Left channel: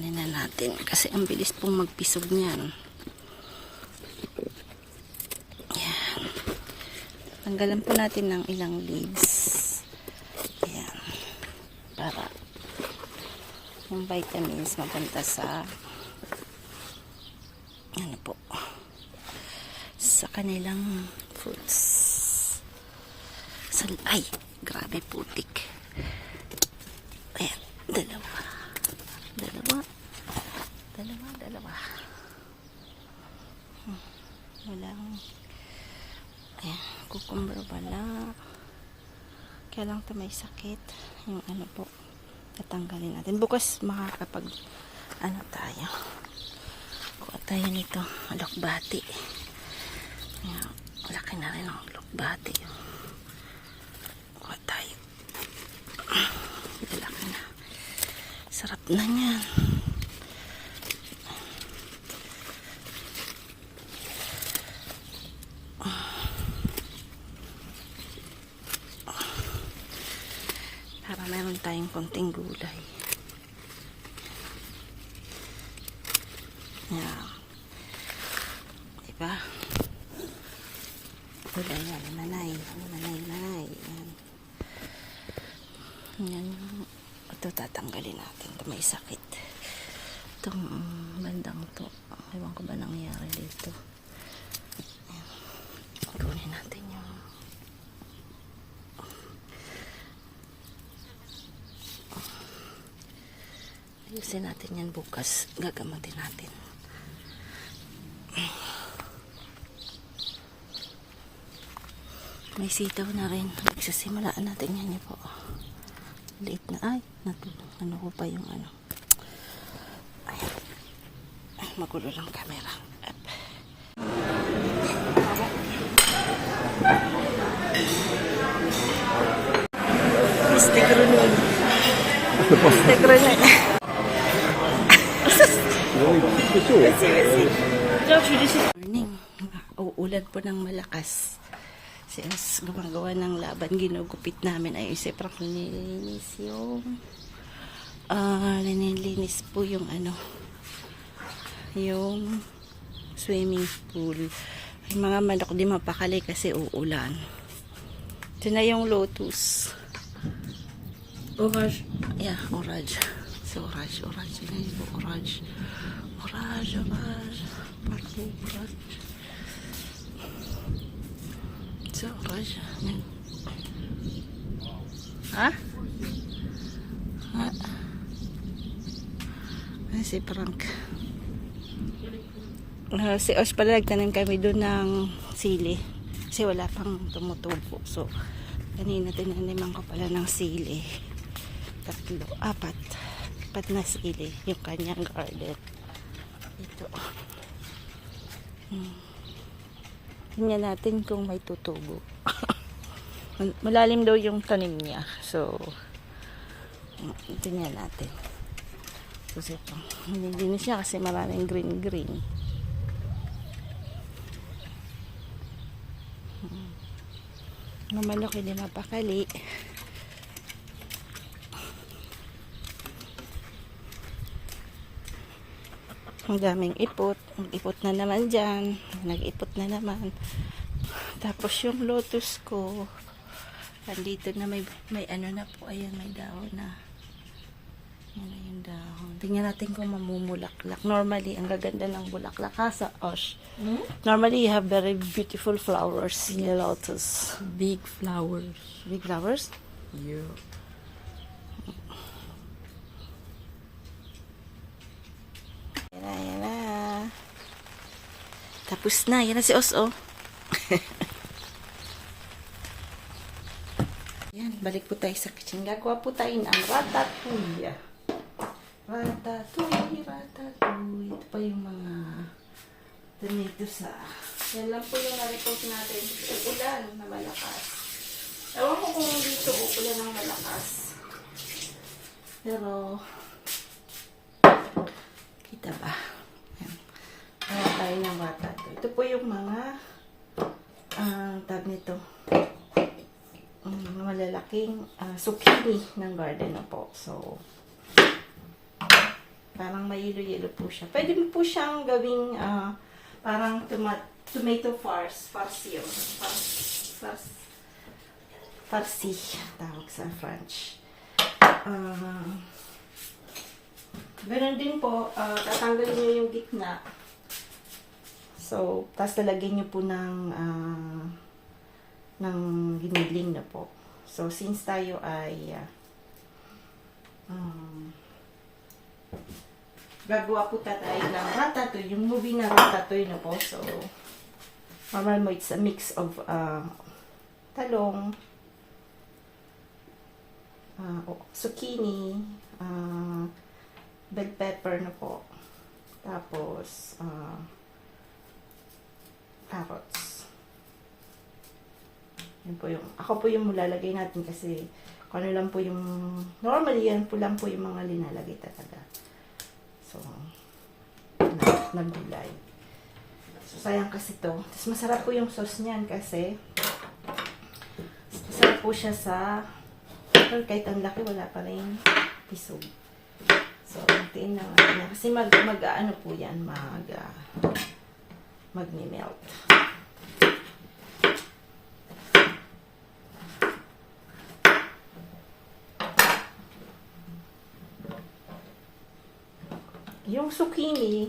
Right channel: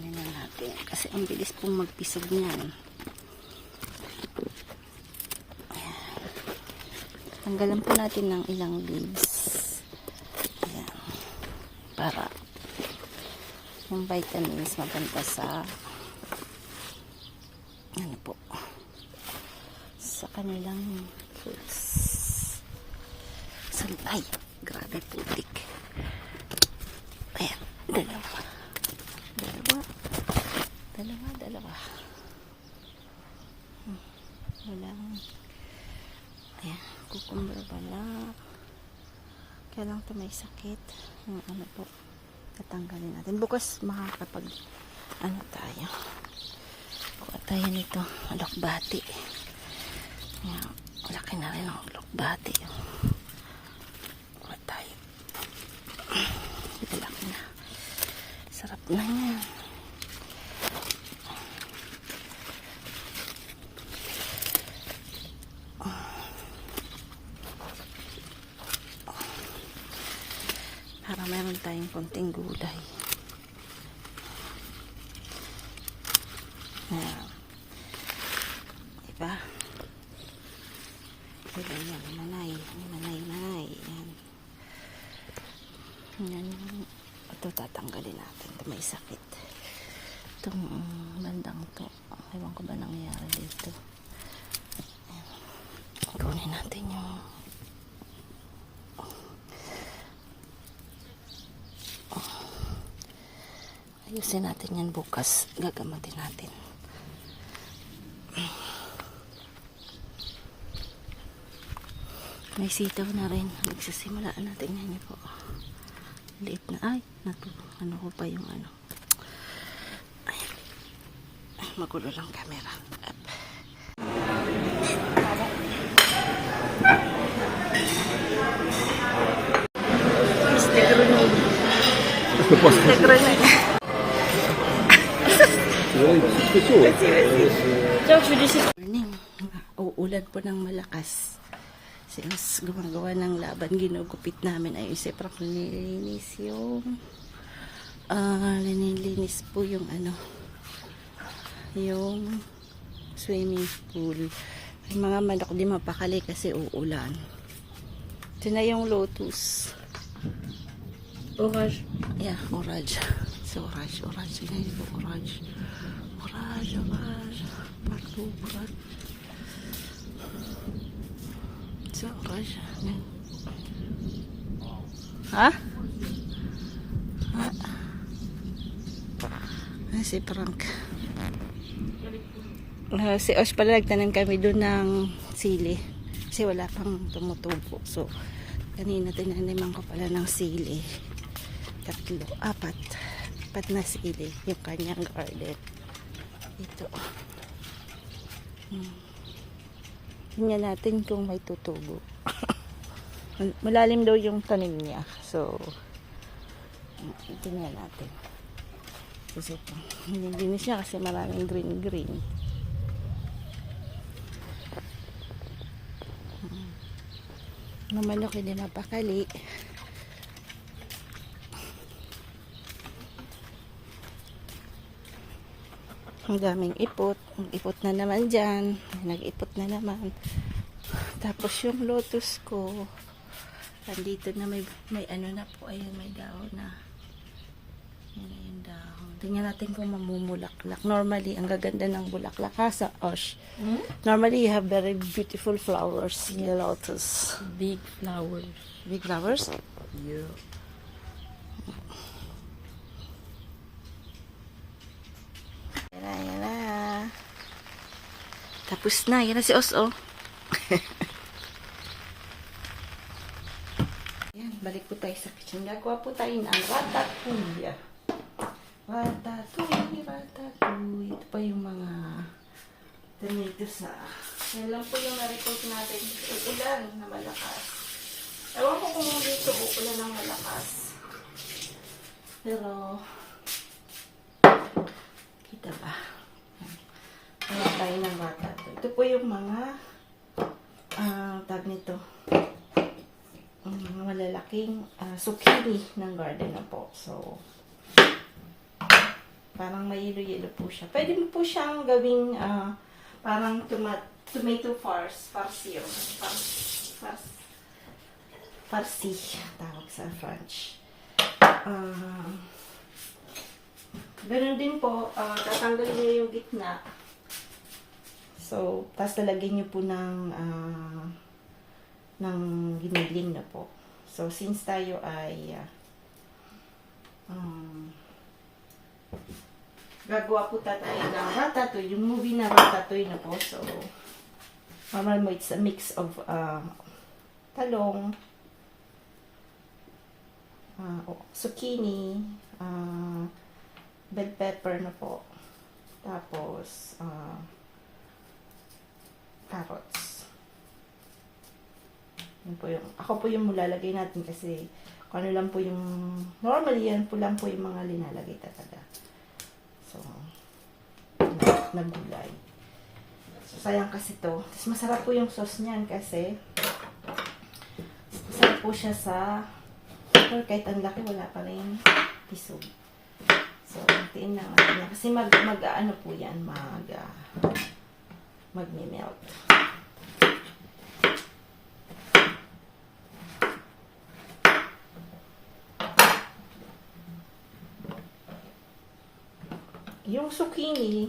Tanggalin na natin kasi ang bilis pong magpisog niyan. Ayan. Tanggalan po natin ng ilang leaves. Ayan. Para yung vitamins mapunta sa ano po, sa kanilang fruits. Ay, grabe putik. Ayan, dalawa. Walang, ayan, cucumber wala. Kaya lang ito may sakit. Yung ano po, tatanggalin natin. Bukas makakapag, ano tayo. Kuha tayo nito, alokbati. Ayan, laki na rin ang alokbati. Kuha tayo. Laki na. Sarap na yan. Para meron tayong konting gulay. Yan. Diba? Gulay yan. Manay. Yan. Yan. Ito tatanggalin natin. Ito may sakit. Itong bandang to. Ewan ko ba nangyari dito. Yan. Kunin natin yung ayusin natin yan bukas. Gagamatin natin. May sitaw na rin. Nagsisimulaan natin yan po. Liit na. Ay, ano ko pa yung ano. Ayan. Magulo lang camera. Up. Este grenade. Este grenade. Morning. Uulan po ng malakas. Since gumagawa ng laban, ginugupit namin ay isiprak linilinis yung linilinis po yung ano, yung swimming pool. Ay mga manok di mapakali kasi uulan. Ito na yung lotus. Orange. Yeah, orange. So, orange. Yan po, orange. Orange. Parang orange. So, orange. Yan. Ha? Ay, si Frank. Si Osh pala nagtanim kami doon ng sili. Kasi wala pang tumutubo. So, kanina tinaniman ko pala ng sili. 3, 4 na sili yung kanyang garden. Ito. Tingnan natin kung may tutubo. Malalim daw yung tanim niya. So, tingnan natin. Kasi ito, nilinis niya kasi maraming green. Mamanok hindi napakali. Ang daming ipot. Ipot na naman dyan. Nag-ipot na naman. Tapos yung lotus ko, andito na may ano na po. Ayan, may dahon na. Yan na yung dahon. Tingnan natin kung mamumulaklak. Normally, ang gaganda ng bulaklak ha sa Osh. Normally, you have very beautiful flowers in the lotus. Big flowers. Big flowers? Yeah. Yan na. Tapos na. Yan na si Os, oh. Yan. Balik po tayo sa kitchen. Gagawa po tayo ng ratatouille. Ratatouille. Ito pa yung mga tomatoes na. Yan lang po yung na-report natin. Uulan na malakas. Ewan ko kung dito uulan ng malakas. Pero kita ba? Yan. Ano tayo ng ratatouille. Ito po yung mga tag nito. Malalaking zucchini ng garden na po. So, Parang mayilo-yelo po siya. Pwede mo po siyang gawing parang tomato farce yun. Farci, tawag sa French. Ganun din po, tatanggalin niyo yung gitna. So, tapos lalagyan niyo po ng giniling na po. So, since tayo ay gagawa po tayo ng ratatouille, yung movie na ratatouille na po. So, mamaya mo, it's a mix of talong, zucchini, bell pepper na po. Tapos, carrots. Yun po yung, ako po yung lalagay natin kasi kung ano lang po yung, normally yan po lang po yung mga linalagay talaga. So, nagulay. So, sayang kasi to. Mas masarap po yung sauce niyan kasi masarap po siya sa, pero kahit ang laki, wala pa rin tisog. So, tiin na natin. Kasi ano po yan, mag-melt. Yung zucchini,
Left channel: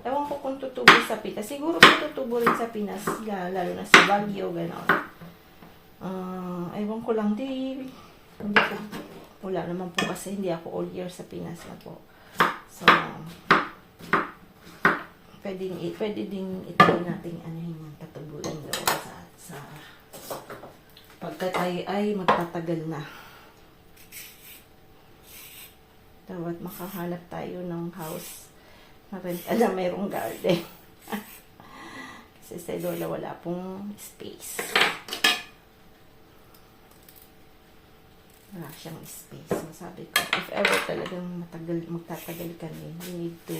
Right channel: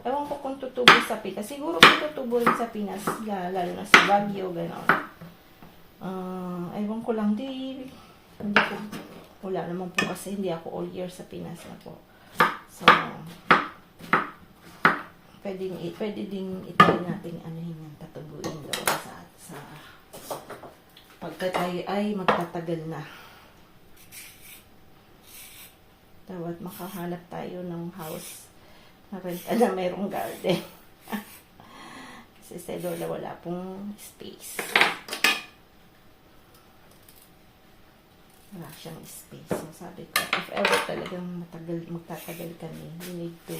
ewan ko kung tutubo sa Pinas. Siguro kung tutubo rin sa Pinas, lalo na sa Baguio, gano'n. Ewan ko lang, hindi ko, wala naman po kasi hindi ako all year sa Pinas na po. So, pwede din itry natin yung tatubuin doon sa pagka tayo ay magtatagal na. Tawat makahanap tayo ng house na mayroong garden. Kasi sa Lola wala pong space. Wala siyang space. So sabi ko, if ever talagang magtatagal kami, we need to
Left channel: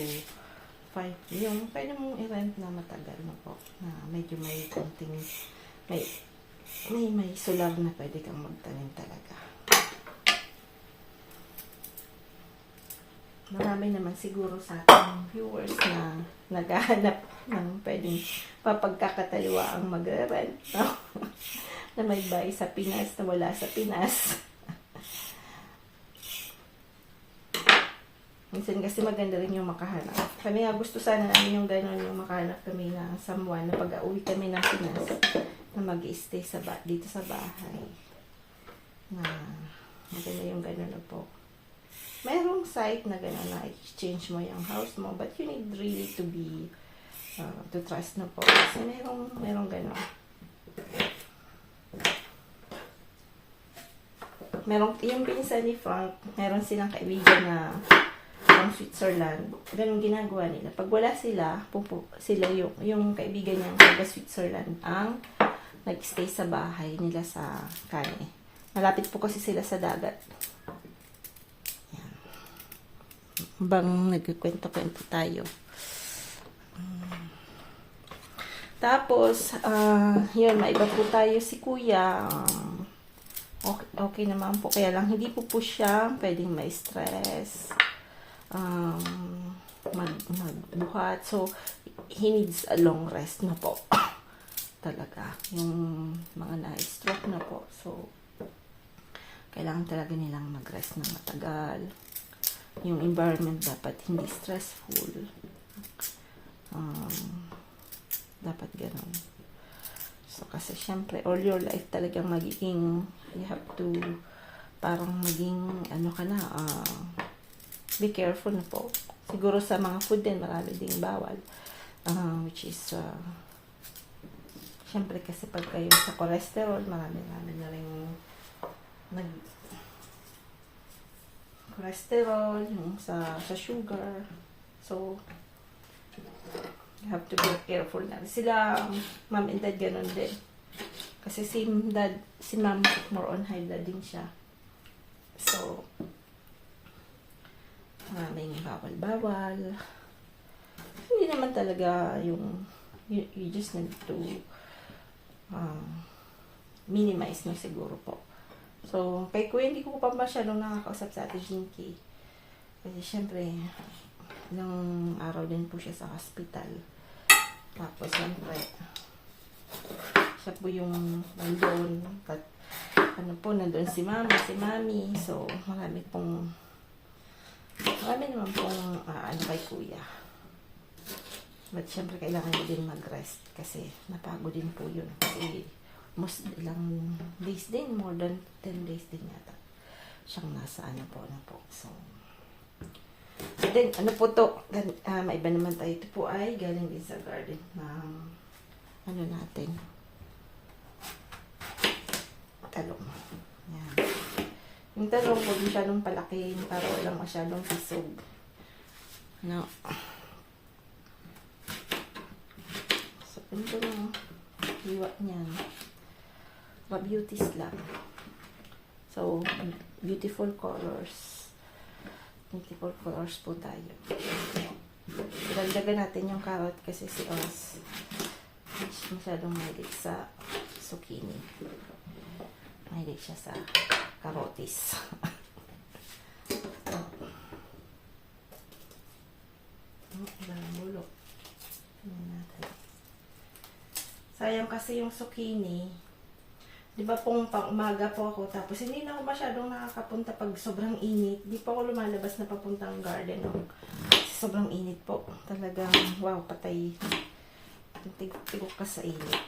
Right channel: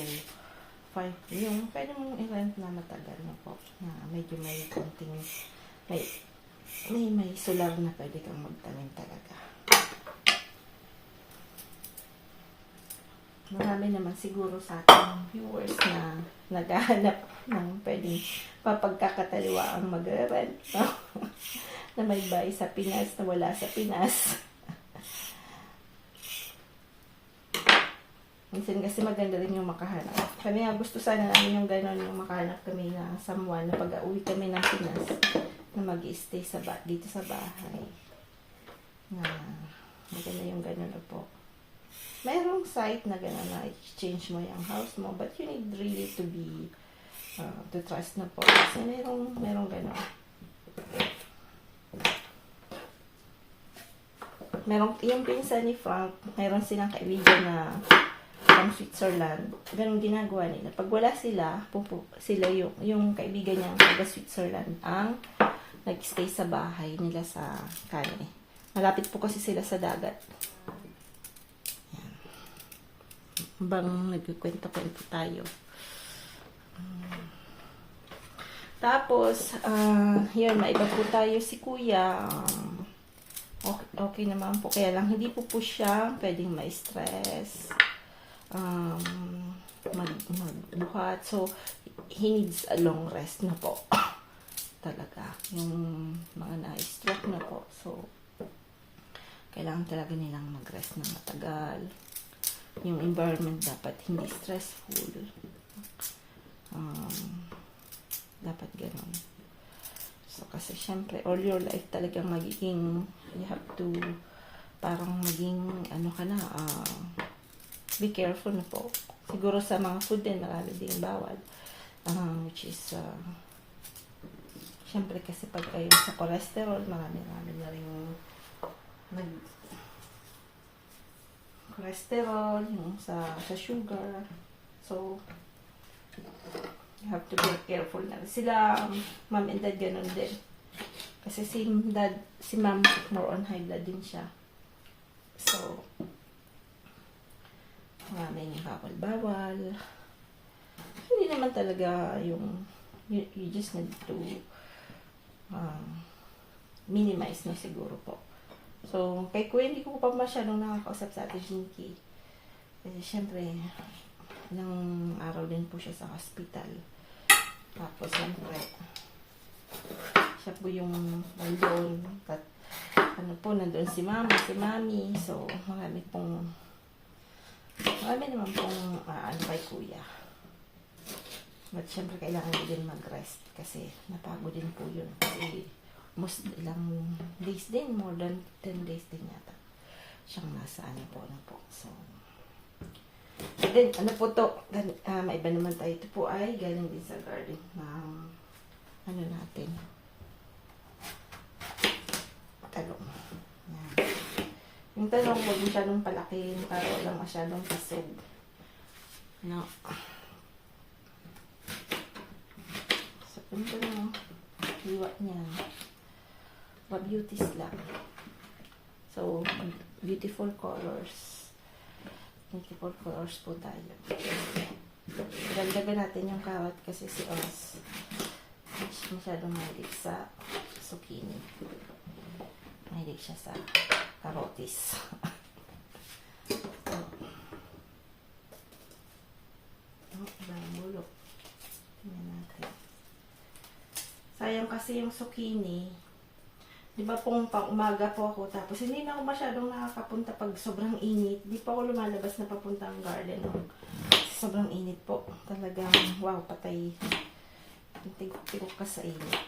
find yung pwede mong i-rent na matagal na po. Na medyo may konting may sulag na pwede kang magtanim talaga. Marami naman siguro sa ating viewers na naghahanap ng pwedeng papagkakataliwa ang magre-rent. No? Na may bahay sa Pinas na wala sa Pinas. Minsan kasi maganda rin yung makahanap. Kami nga gusto sana namin yung gano'n yung makahanap kami na someone na pag-uwi kami ng Pinas na mag-i-stay dito sa bahay. Na maganda yung gano'n na po. Mayroong site na gano'n na exchange mo yung house mo, but you need really to be to trust na po. Kasi mayroong gano'n. Yung pinsan ni Frank, meron silang kaibigan na from Switzerland. Ganun ginagawa nila. Pag wala sila yung kaibigan niya taga Switzerland ang nag-stay sa bahay nila sa Kane. Malapit po kasi sila sa dagat. Bang nagkikwento-kwento tayo. Tapos, yun, maiba po tayo si Kuya. Okay naman po. Kaya lang, hindi po siya pwedeng ma-stress. Magbuhat. So, he needs a long rest na po. Talaga. Yung mga na-stroke na po. So, kailangan talaga nilang mag-rest ng matagal. Yung environment dapat hindi stressful. Dapat ganun. So, kasi syempre, all your life talagang magiging, you have to, parang maging, be careful na po. Siguro sa mga food din, marami ding bawal. Which is, syempre kasi pag kayo sa cholesterol, marami na rin cholesterol, sa sugar. So, you have to be careful na. Sila, mom and dad, ganun din. Kasi si mom, more on high blood din siya. So, maraming bawal-bawal. Hindi naman talaga yung, you just need to minimize na siguro po. So, kay Kuya, hindi ko pa masyadong nakakausap sa ating Jinky. Kasi, syempre, ng araw din po siya sa hospital. Tapos, siyempre, siya po yung nandun. At, ano po, nandun si mama, si mami. So, marami naman pong, ano kay kuya. But, siyempre, kailangan din mag-rest. Kasi, napagod din po yun. Kasi, most ilang days din, more than 10 days din yata. Siyang nasa, ano po. So, and then, ano po to, maiba naman tayo. Ito po ay galing din sa garden. Ano natin? Talong. Yan. Yung talong, huwag masyadong palakin para walang masyadong pisog. No. So, ito yung hiwa niyan. Beauties lang. So, beautiful colors. Beautiful colors po tayo. Dagdagan natin yung carrot kasi si Oz masyadong mahilig sa zucchini. Mahilig siya sa karotis. Ilang bulok. Tingnan natin. Sayang kasi yung zucchini. Di ba pong pang umaga po ako, tapos hindi na ako masyadong nakakapunta pag sobrang init. Di pa ako lumalabas na papunta ang garden. Sobrang init po. Talagang, wow, patay. Tigok pa sa init.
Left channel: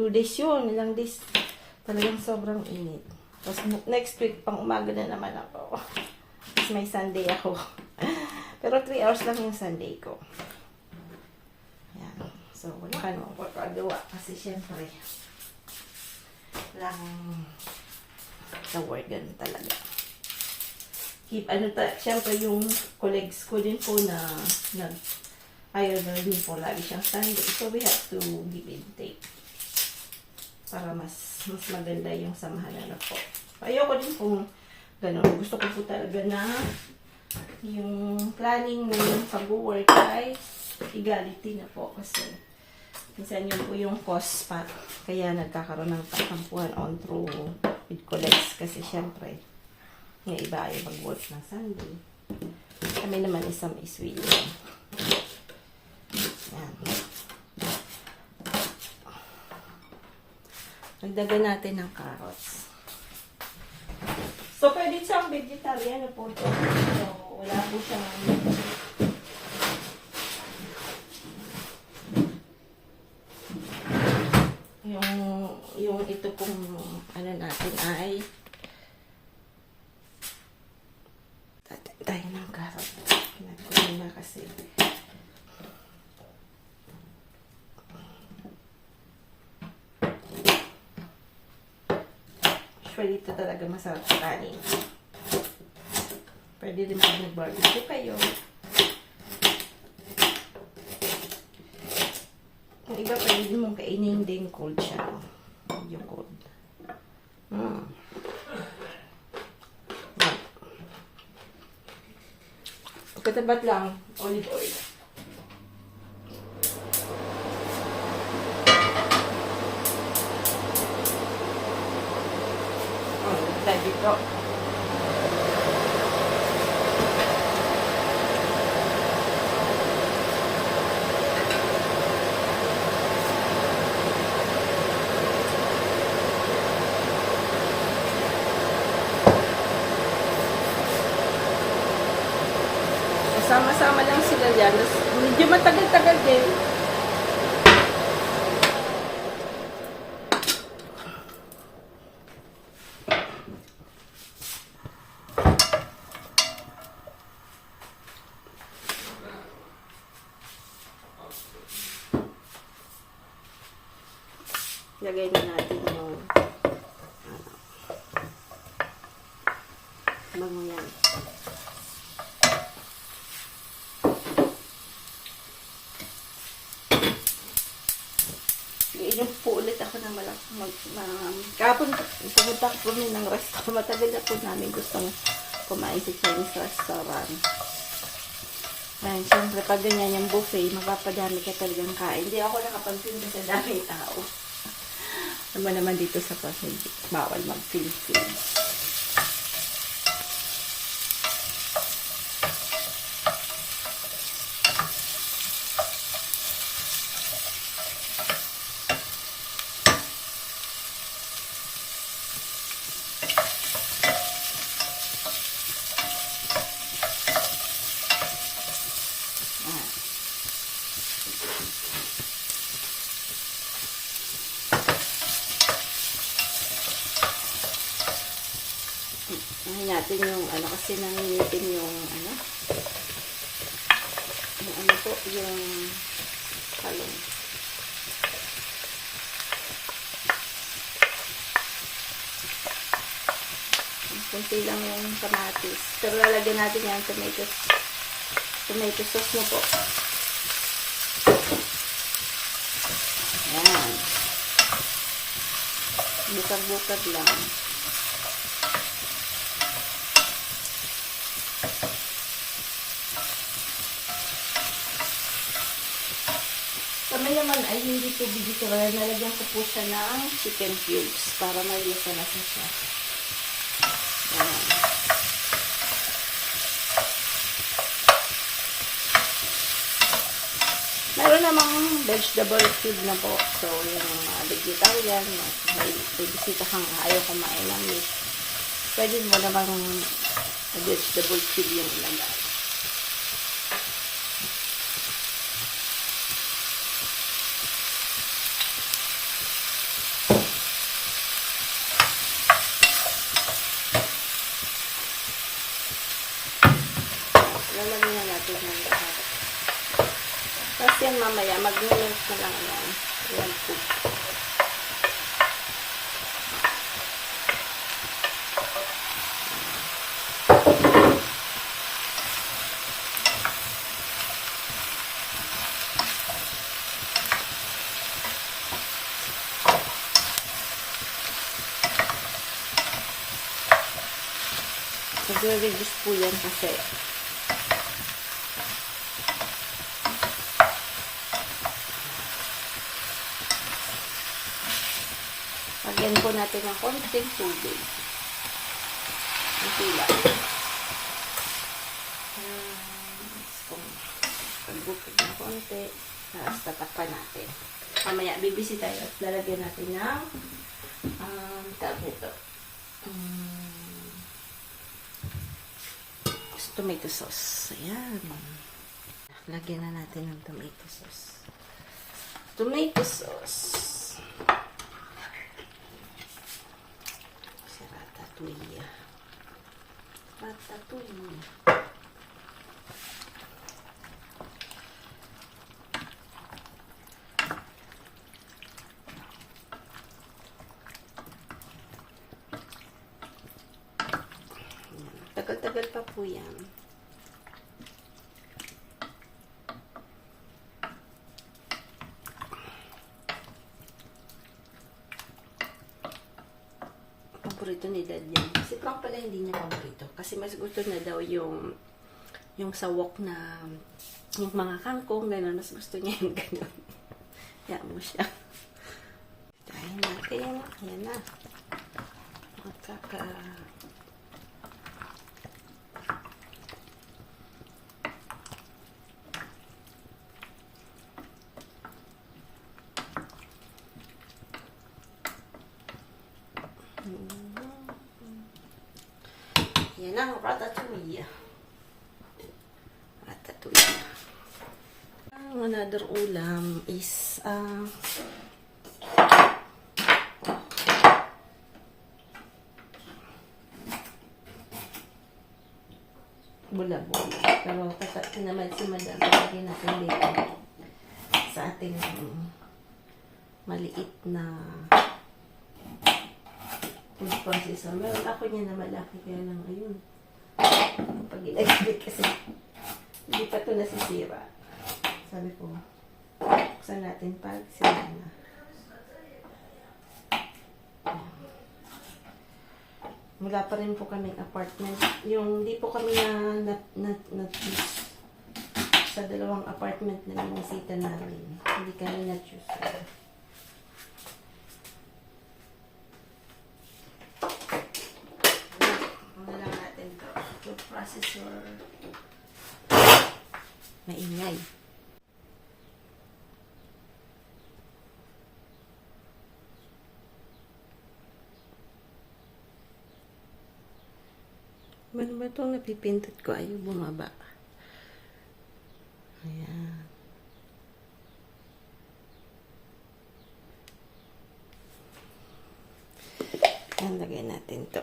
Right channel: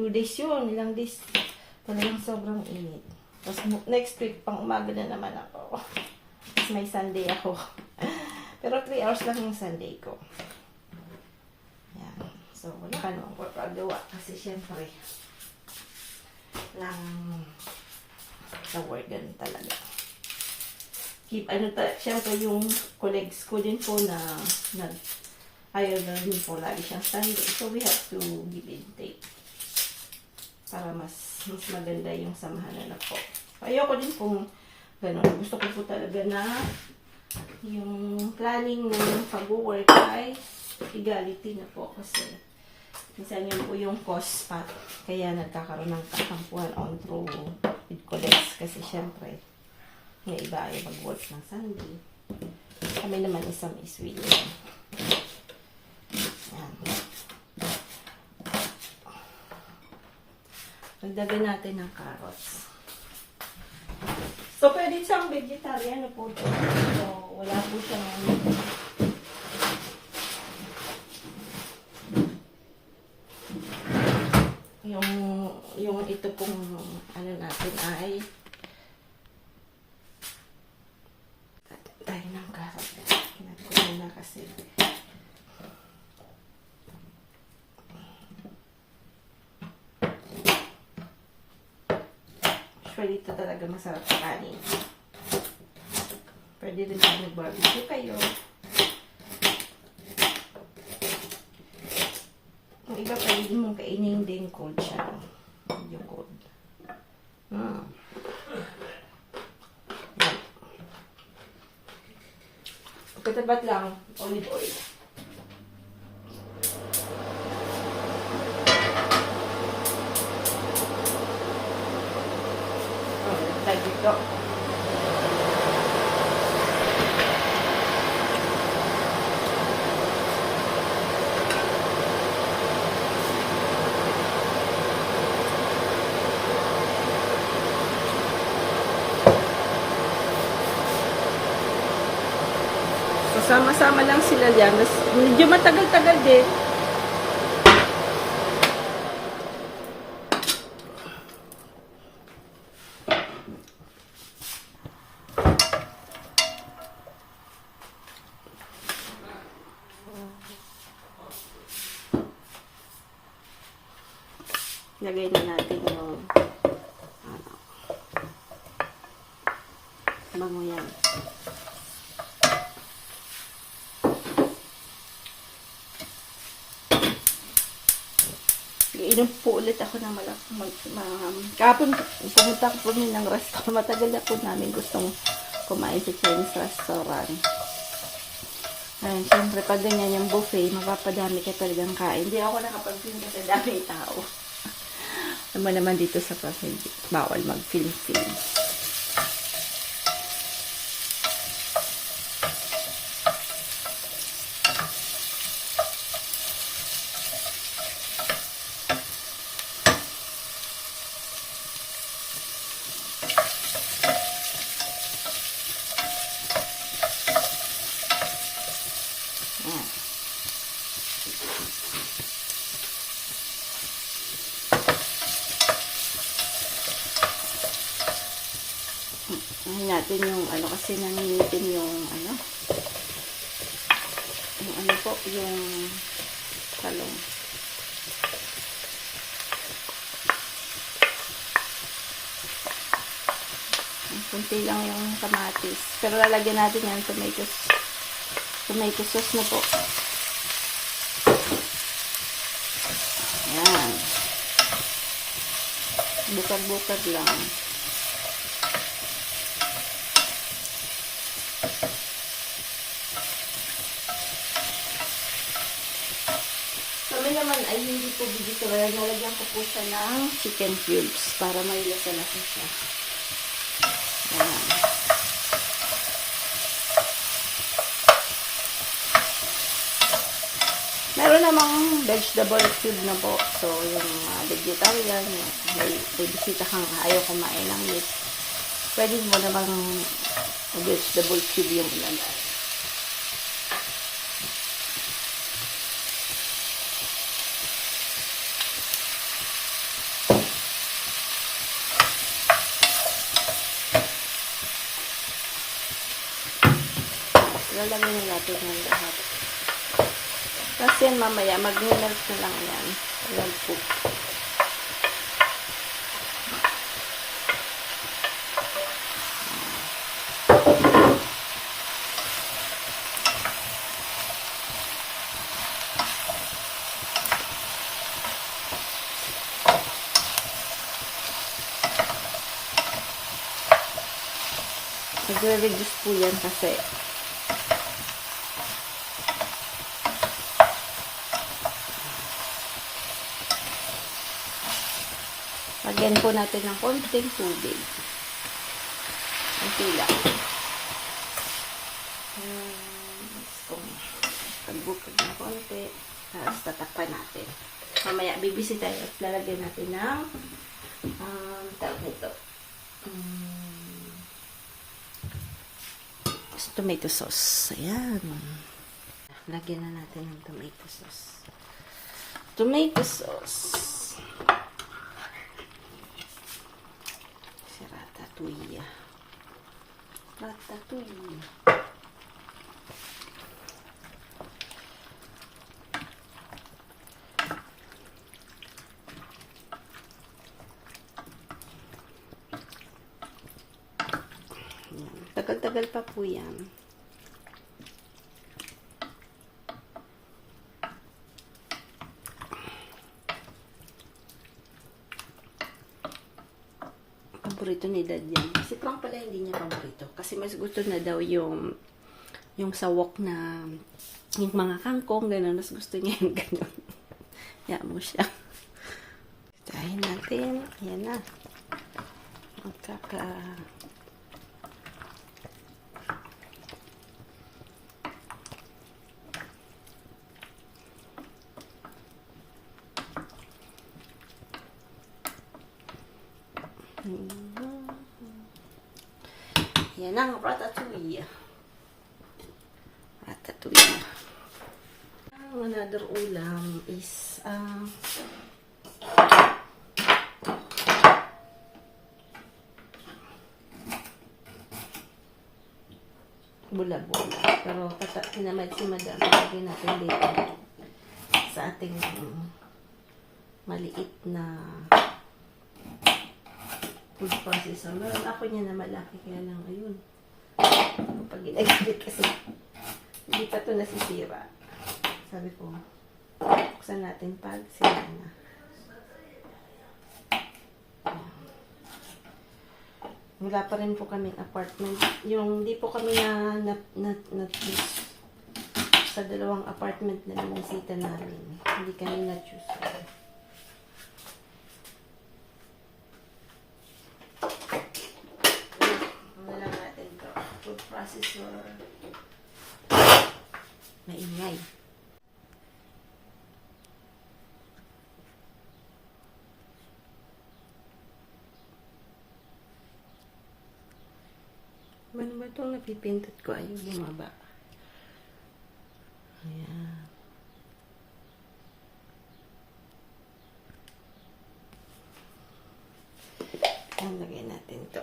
2 days yun. Ilang days. Talagang sobrang init. Tapos next week, pang umaga na naman ako. Tapos may Sunday ako. Pero 3 hours lang yung Sunday ko. Yan. So, wala ka naman pagkagawa. Kasi syempre, lang sa work, ganun talaga. Siyempre yung colleagues ko din po na ayaw na din po lagi siyang Sunday. So we have to give and take para mas maganda yung samahan na po. Ayoko din kung gano'n. Gusto ko po talaga na yung planning ng pag-work ay equality na po kasi minsan yun po yung cause pa. Kaya nagkakaroon ng katampuhan on through with colleagues. Kasi syempre, yung iba ay mag-work ng Sunday. Kami naman isang iswi yun. Yan. Magdagan natin ng carrots. So, pwede siyang vegetarian na po ito. So, wala po siyang yung ito pong ano natin ay tayo ng carrot natin na kasi usually ito talaga masarap sa kanin. Pwede rin mag-barbecue kayo. Yung iba pwede din mong kainin din cold siya. Yung cold. Katapat lang, olive oil. Dito. Sama-sama lang sila dyan. Medyo matagal-tagal din. Lagay na natin yung bango yan. Iinom po ulit ako ng kapon pumunta ko po ng restaurant. Matagal na po namin gustong kumain sa Chinese restaurant. Ayun, siyempre pag ganyan yung buffet, mapapadami ka talagang kain. Hindi ako nakapagpinda sa daming tao. Naman dito sa pasig, bawal mag-film-film. Unahin natin yung ano kasi nangingitim yung ano po, yung talong. Kunti lang yung kamatis. Pero lalagyan natin yung tomato sauce na po. Ayan. Bukad-bukad lang. Kami naman ay hindi po vegetarian. Nalagyan ko po siya ng chicken cubes para may lasa na siya. Ayan. Meron namang vegetable cube na po. So, yung vegetarian, may bisita kang ayaw kumain ng meat. Pwede mo namang vegetable cube yung ilan. Lalagyan na natin ng lahat. Tapos yan mamaya, mag-melt na lang yan. Ayan po. Nagre-reduce po yan kasi lagyan po natin ng konting tubig. Konti lang. Pagbukod ng konti. Tapos tatakpan natin. Mamaya bibisi tayo at lalagyan natin ng tawag nito. Tomato sauce. Ayan. Lagyan na natin ng tomato sauce. Tomato sauce. Ratatouille. Ratatouille. Tagal-tagal pa po yan. Paborito ni Dad yan. Si Frank pala hindi niya paborito. Kasi mas gusto na daw yung sawok na yung mga kangkong, gano'n. Mas gusto niya yung gano'n. Kaya mo siya. Tahin natin. Ayan na. Yan ang ratatouille. Ratatouille. Another ulam is bula-bula. Pero kinamay si Madam. Lagyan natin dito sa ating maliit na food processor. Meron ako niya na malaki, kaya lang ayun. Pag ginaglit kasi hindi pa ito nasisira. Sabi ko, buksan natin pag sira na. Wala pa rin po kaming apartment. Yung di po kami na sa dalawang apartment na binisita namin. Hindi kami na-choose. Wala natin to. Food processor. Maingay. Ano ba itong napipintat ko? Ayaw bumaba. Ayan. Ayan, lagay natin ito.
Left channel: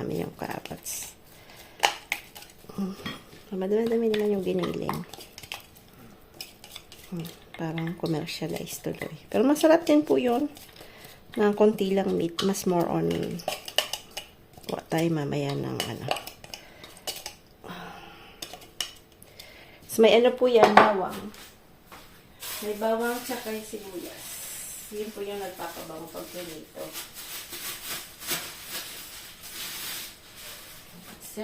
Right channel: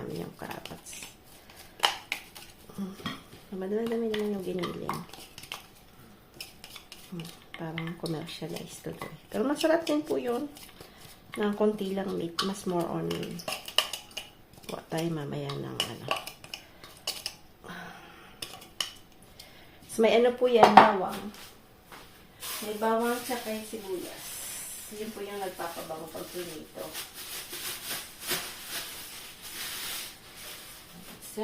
namin yung carrots. Madami-dami naman yung giniling. Parang commercialized tuloy. Pero masarap din po yun. Na konti lang meat. Mas more on kuha tayo mamaya ng ano. So, may ano po yan, bawang. May bawang tsaka sibuyas. Yun po yung nagpapabango pag pinito. So,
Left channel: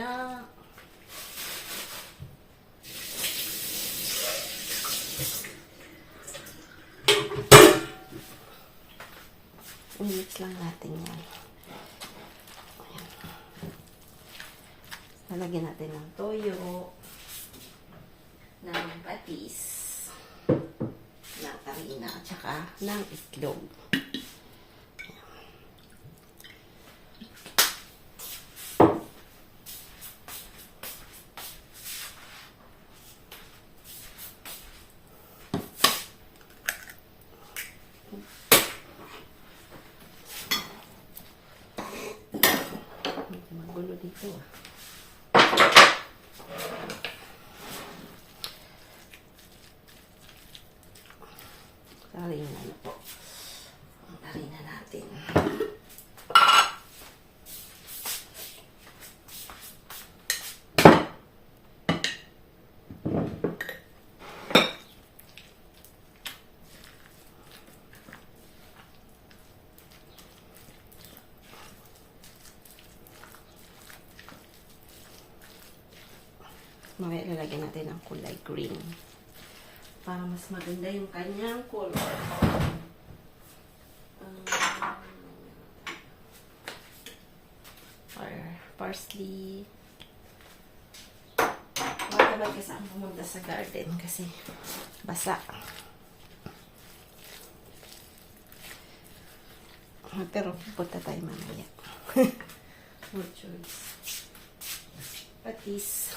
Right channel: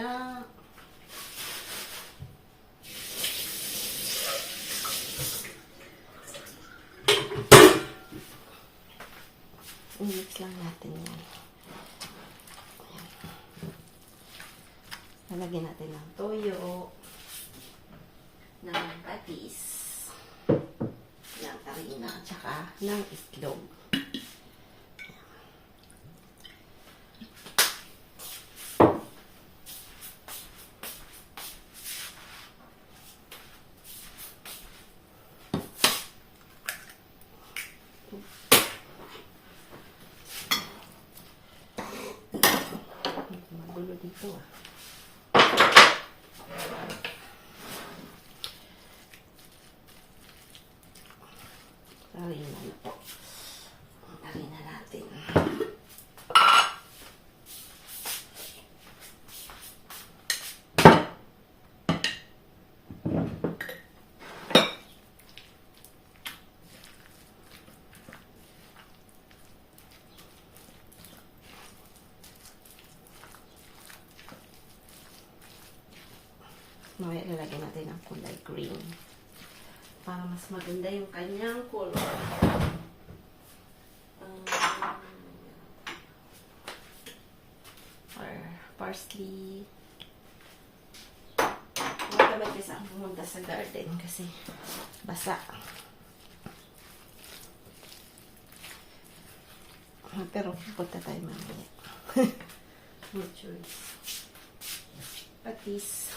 i-mix lang natin yan. Nalagyan natin ng toyo, ng patis, ng harina, at saka ng itlog. Gulo dito ah. Harina na po. Harina natin. Mamaya lalagyan natin ng kulay green para mas maganda yung kanyang color. Or parsley. Huwag naman kasi ang pumunta sa garden kasi basa. Pero pupunta tayo mamaya. No choice. Patis.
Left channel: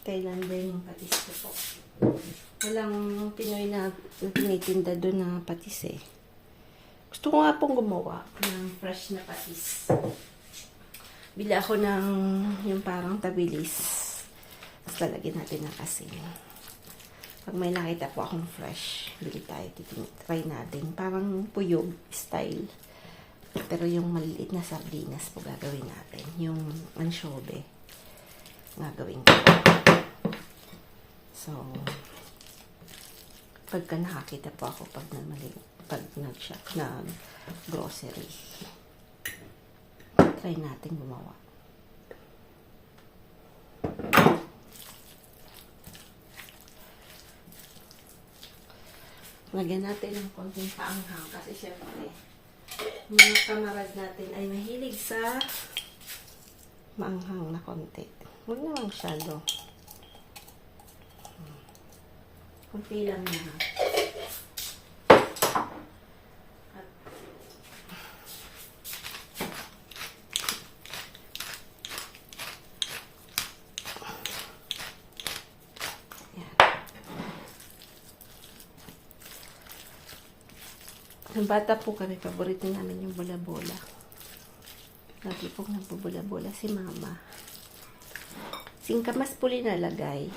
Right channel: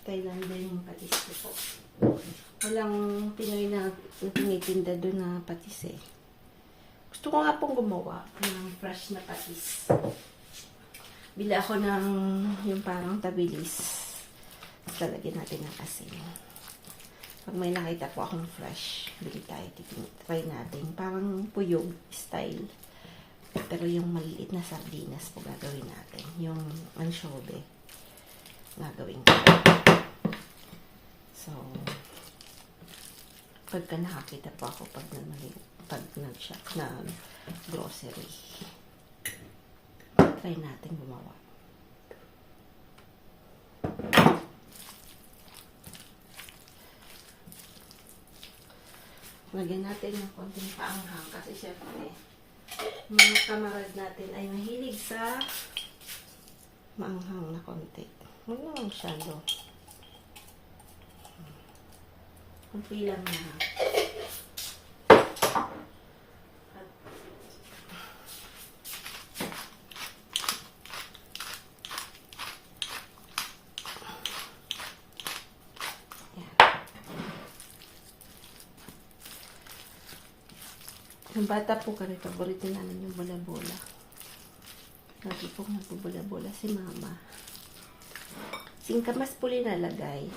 Kailan din yung patis ko po. Walang Pinoy na tinitinda doon na patis eh. Gusto ko nga pong gumawa ng fresh na patis. Bili ako ng yung parang tabilis. Tapos lalagyan natin ng asin. Pag may nakita po akong fresh, bili tayo. Try natin. Parang puyog style. Pero yung maliit na sardinas po gagawin natin. Yung anchovy gagawin ko. So, pagka nakakita po ako pag nag-shop na grocery, try natin gumawa. Lagyan natin ng konting paanghang kasi syempre mga kamarad natin ay mahilig sa maanghang na konti. Huwag naman masyado. Kunti lang na. Yan. Ang bata po kami, paborito namin yung bola-bola. Lagi po nagbobola-bola si mama. Singkamas po linalagay.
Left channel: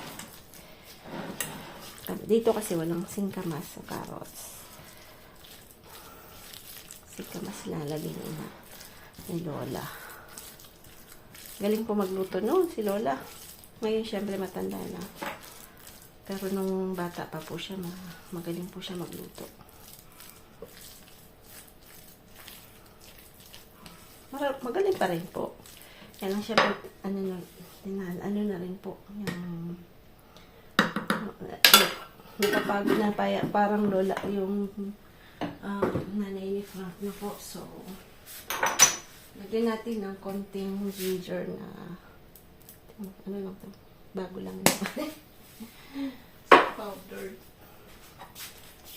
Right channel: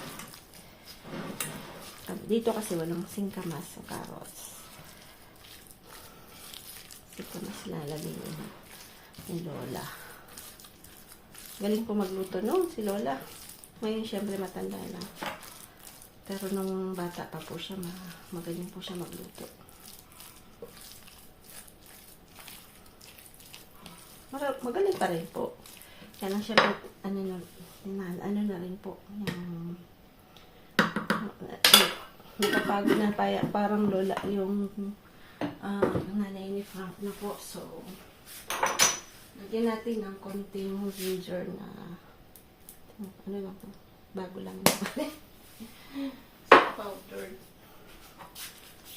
Dito kasi walang singkamas sa carrots. Singkamas lalagay ni Lola. Galing po magluto noon si Lola. Ngayon syempre matanda na. Pero nung bata pa po siya, magaling po siya magluto. Magaling pa rin po. Kaya lang syempre, ano na rin po, yung nakapagod na parang lola yung nanay ni Frank na po. So, lagyan natin ng konting ginger na ano lang po, bago lang powder.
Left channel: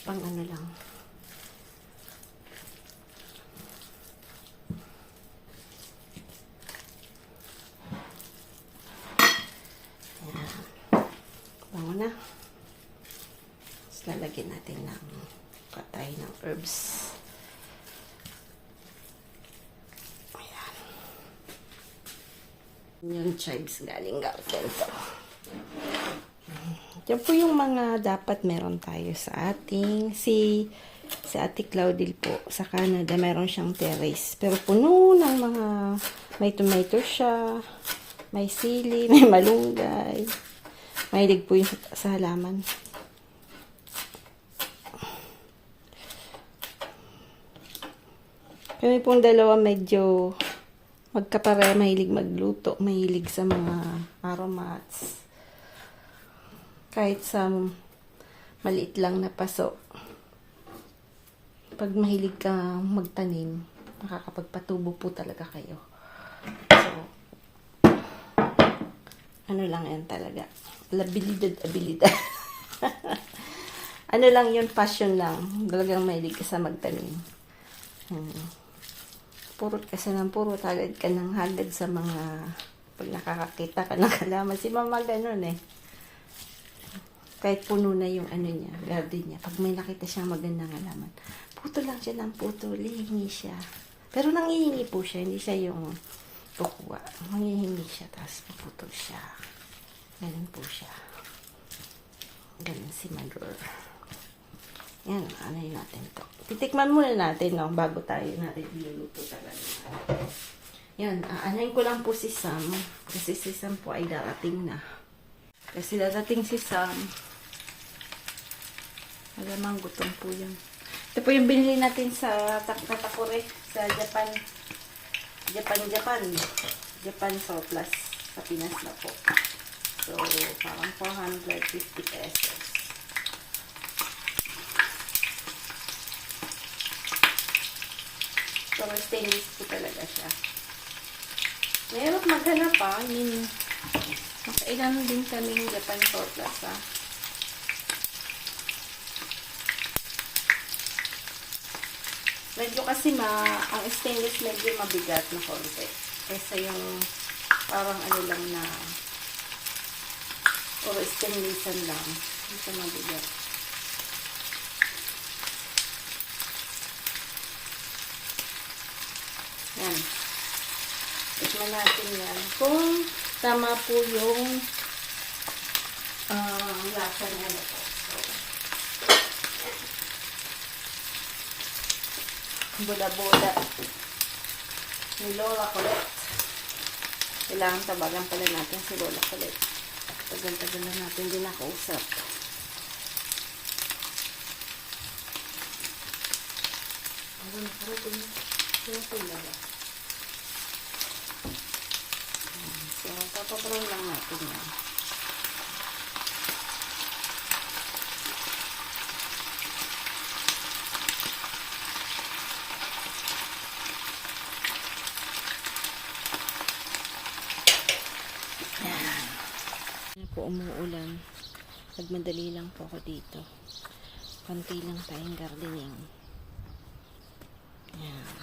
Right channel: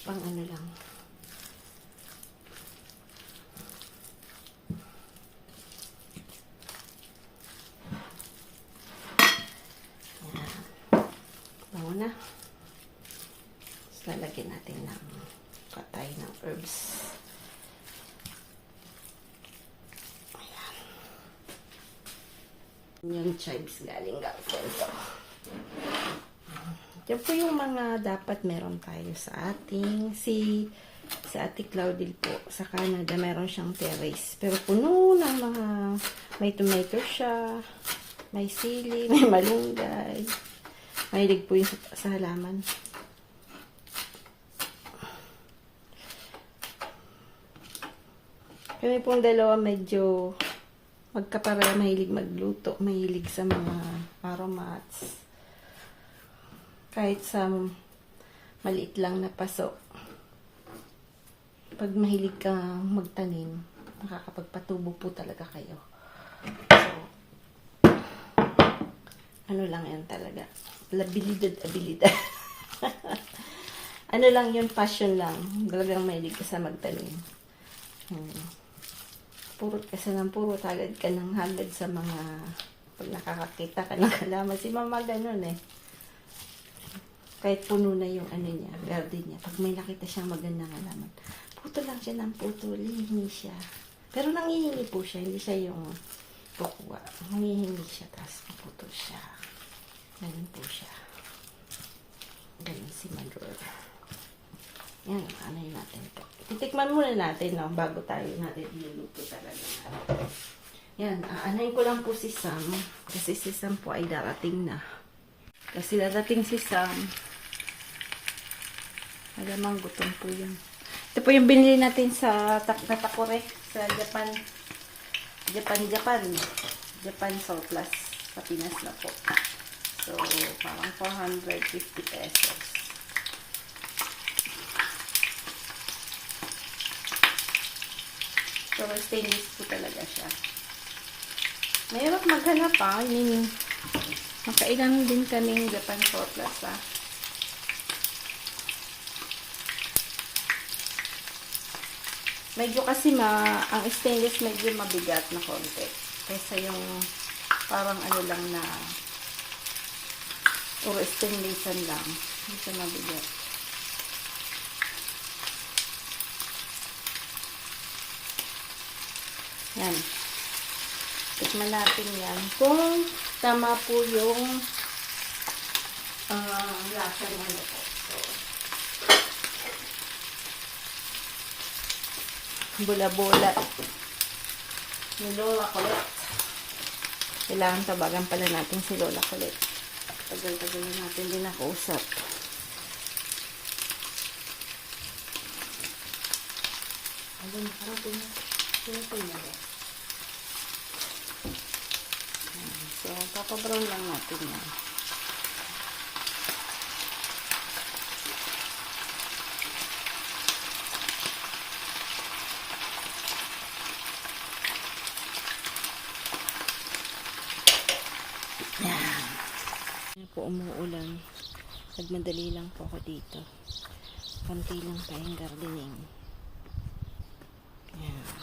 Pang ano lang. Bango na. Lalagyan natin ng katay ng herbs. Yung chives galing garden ko. Yan po yung mga dapat meron tayo sa ating sa Ate Claudil po sa Canada, meron siyang terrace. Pero puno ng mga may tomato siya, may sili, may malunggay. Mahilig po yung sa halaman. Kami pong dalawa medyo magkapare, mahilig magluto, mahilig sa mga aromats. Kahit sa maliit lang na paso. Pag mahilig ka magtanim, nakakapagpatubo po talaga kayo. So, ano lang yan talaga. Abilidad. Ano lang yun, passion lang. Talagang mahilig ka sa magtanim. Puro tagad ka ng hagad sa mga pag nakakakita ka ng halaman. Si mama ganun eh. Kahit puno na yung ano niya, garden niya. Pag may nakita siyang magandang halaman, puto lang siya ng puto, hihingi siya. Pero nangihingi po siya, hindi siya yung kukuha. Nangihingi siya, tapos puto siya. Galing po siya. Galing si Magor. Yan, ano yun natin ito. Titikman muna natin, no, bago tayo natin iluluto talaga. Yan, aanayin ko lang po si Sam. Kasi si Sam po ay darating na. Kasi darating si Sam. Alamang gutom po yun. Ito po yung binili natin sa Takore sa Japan. Japan surplus sa Pinas na po. So, parang 450 pesos. So, stainless po talaga siya. Mahirap maghanap pa. I mean, makailan din kaming Japan surplus ha. Medyo kasi ang stainless medyo mabigat na konti. Kesa yung parang ano lang na puro stainlessan lang. Hindi siya mabigat. Yan. Tignan natin yan. Kung tama po yung lasa ng ano po. Bula-bula. Ni Lola Colette. Kailangan tabagan pala natin si Lola Colette. Tagal-tagal na natin din nakausap. Ano na karating? So, papabrown lang natin yan. Yan po, umuulan. Nagmadali lang po ako dito. Konti lang tayong gardening. Yan.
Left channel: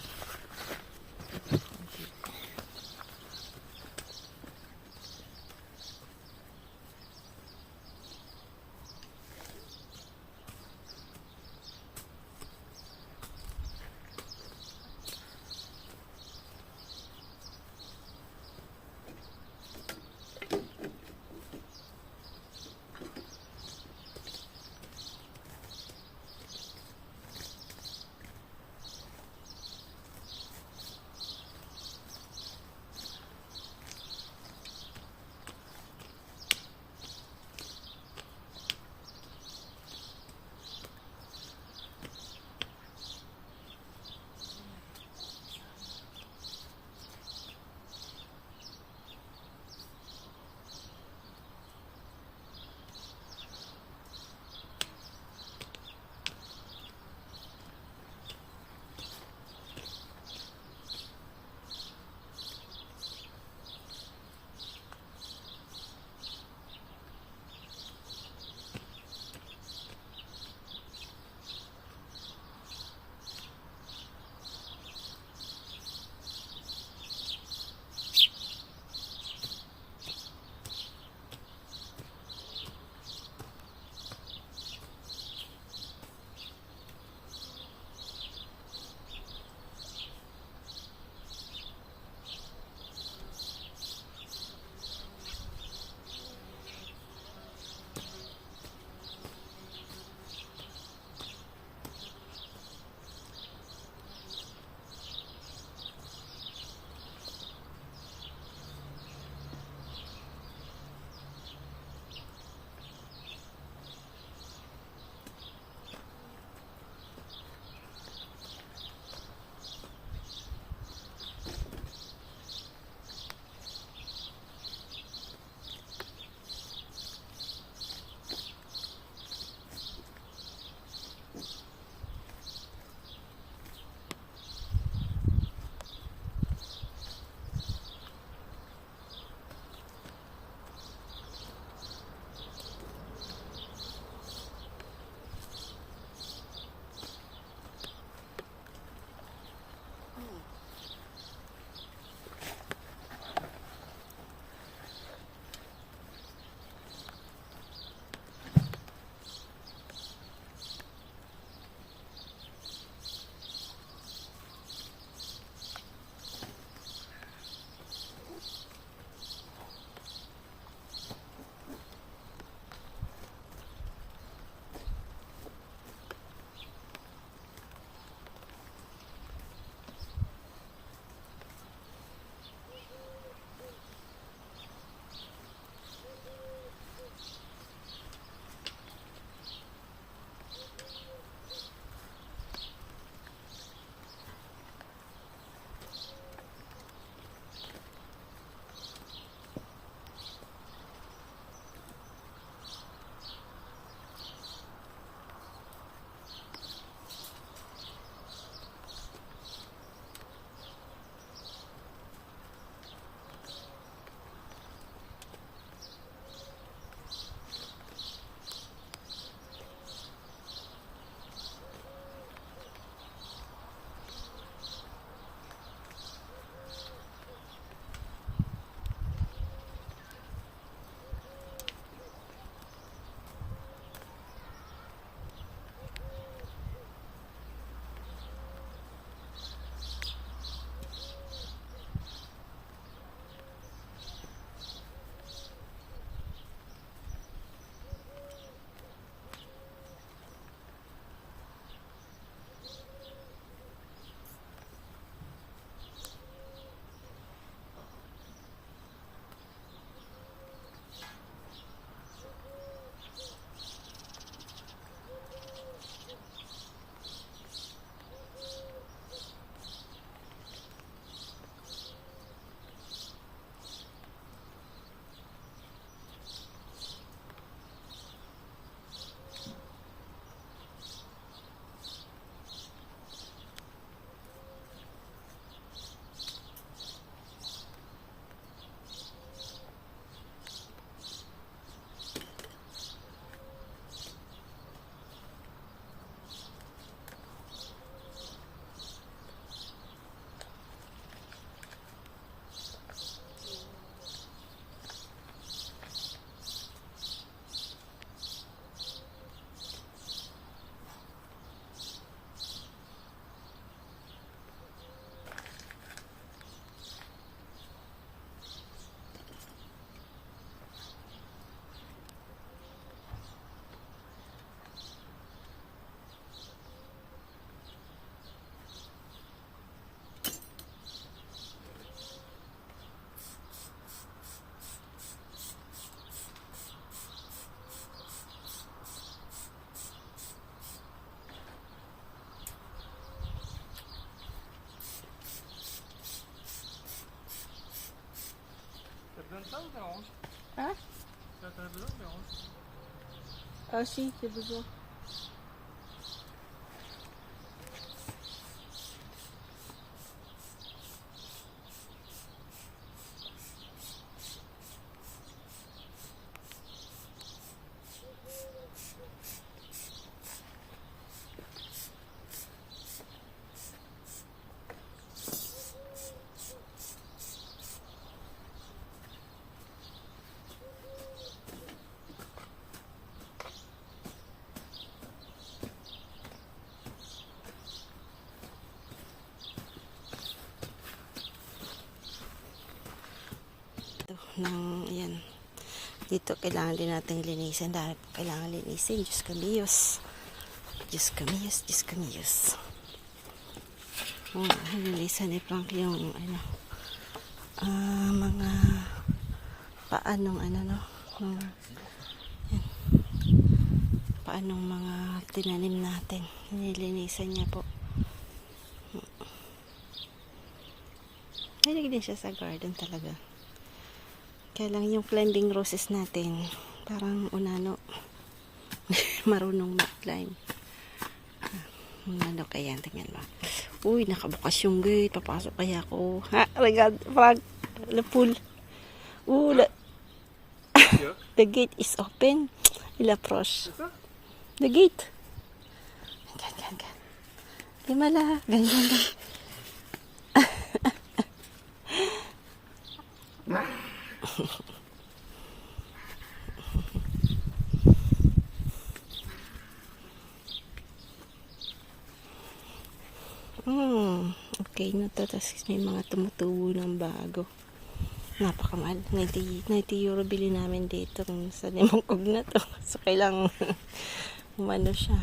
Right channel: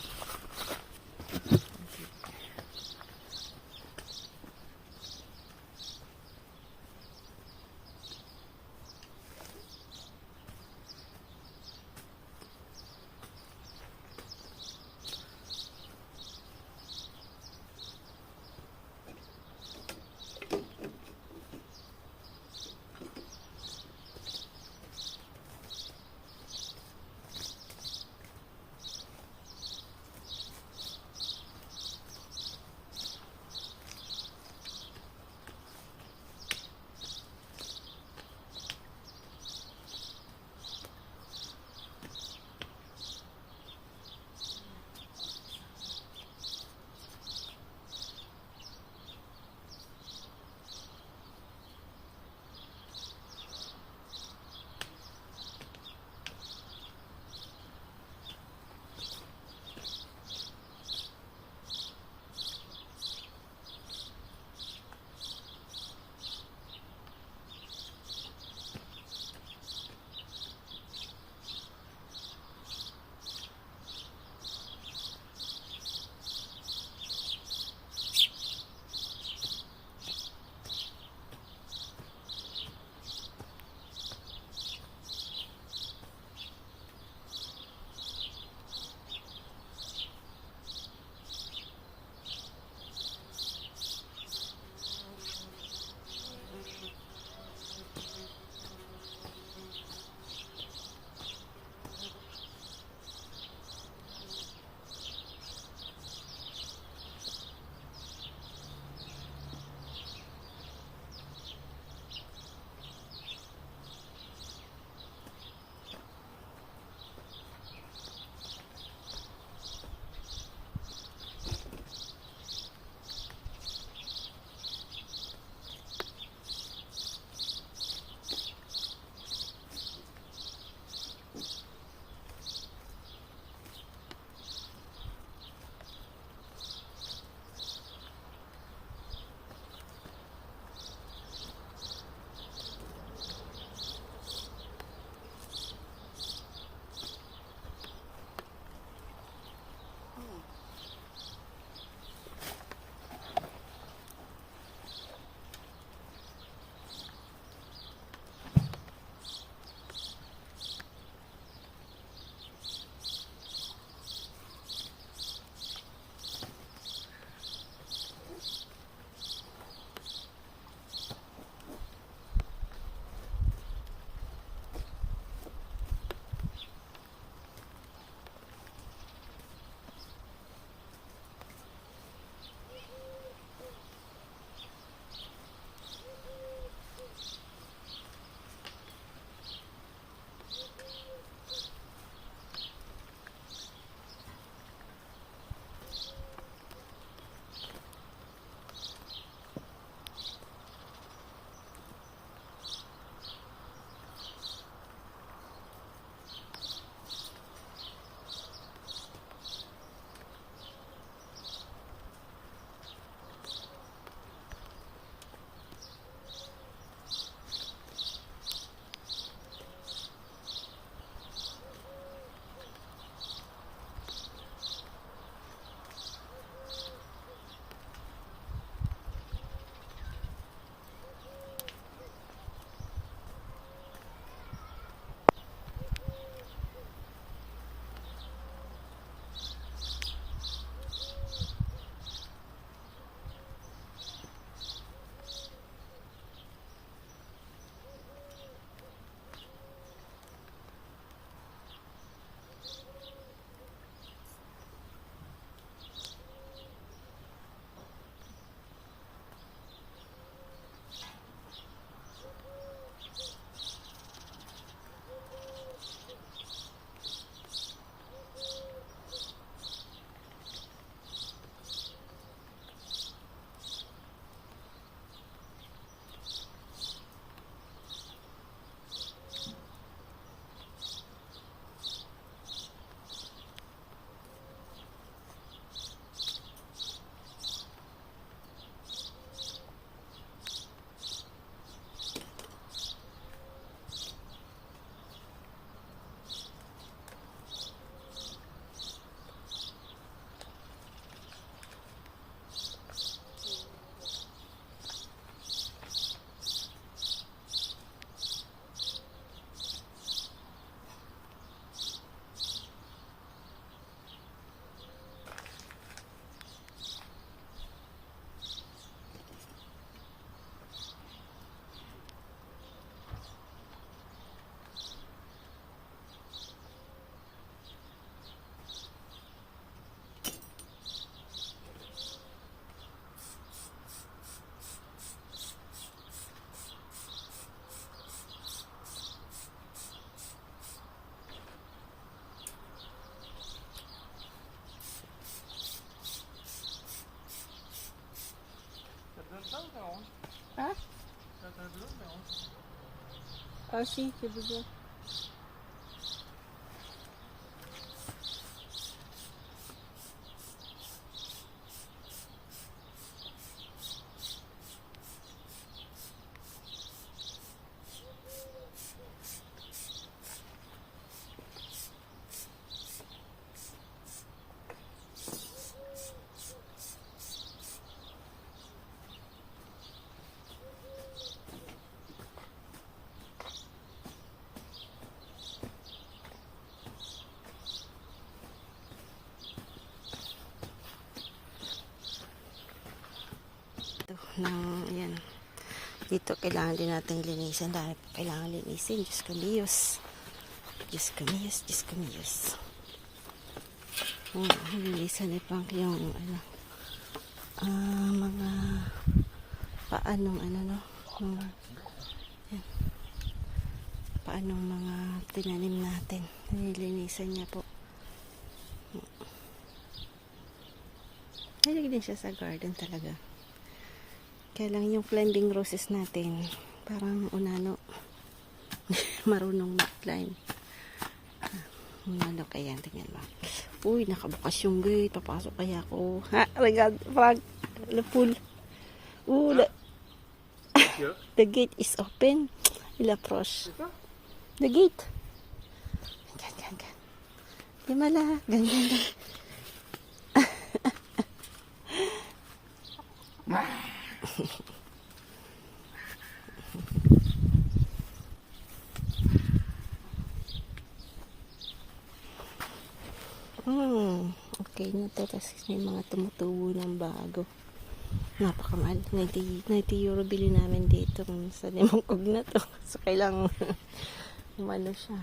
Ah? Ah, si, besoin. Ng yan dito kailangan din natin linisin dahil kailangan linisin. Diyos kamiyos, Diyos kamiyos, Diyos kamiyos. Nililisan ni Frank yung ano mga paanong ano no yan, paanong mga tinanim natin nililinisan niya po. Hilig din siya sa garden talaga. Kaya lang yung climbing roses natin, parang unano, marunong mag-climb. Unano kaya, tingnan mo. Uy, nakabukas yung gate, papasok kaya ako. Ha, regard, Frank, the pool. The gate is open. Il-approach. The gate. Gan. Himala, ganyan. Okay na to. Tapos may mga tumutubo ng bago. Napakamahal. 90 euro bili namin dito sa Limangkog na to. So kailang umano siya.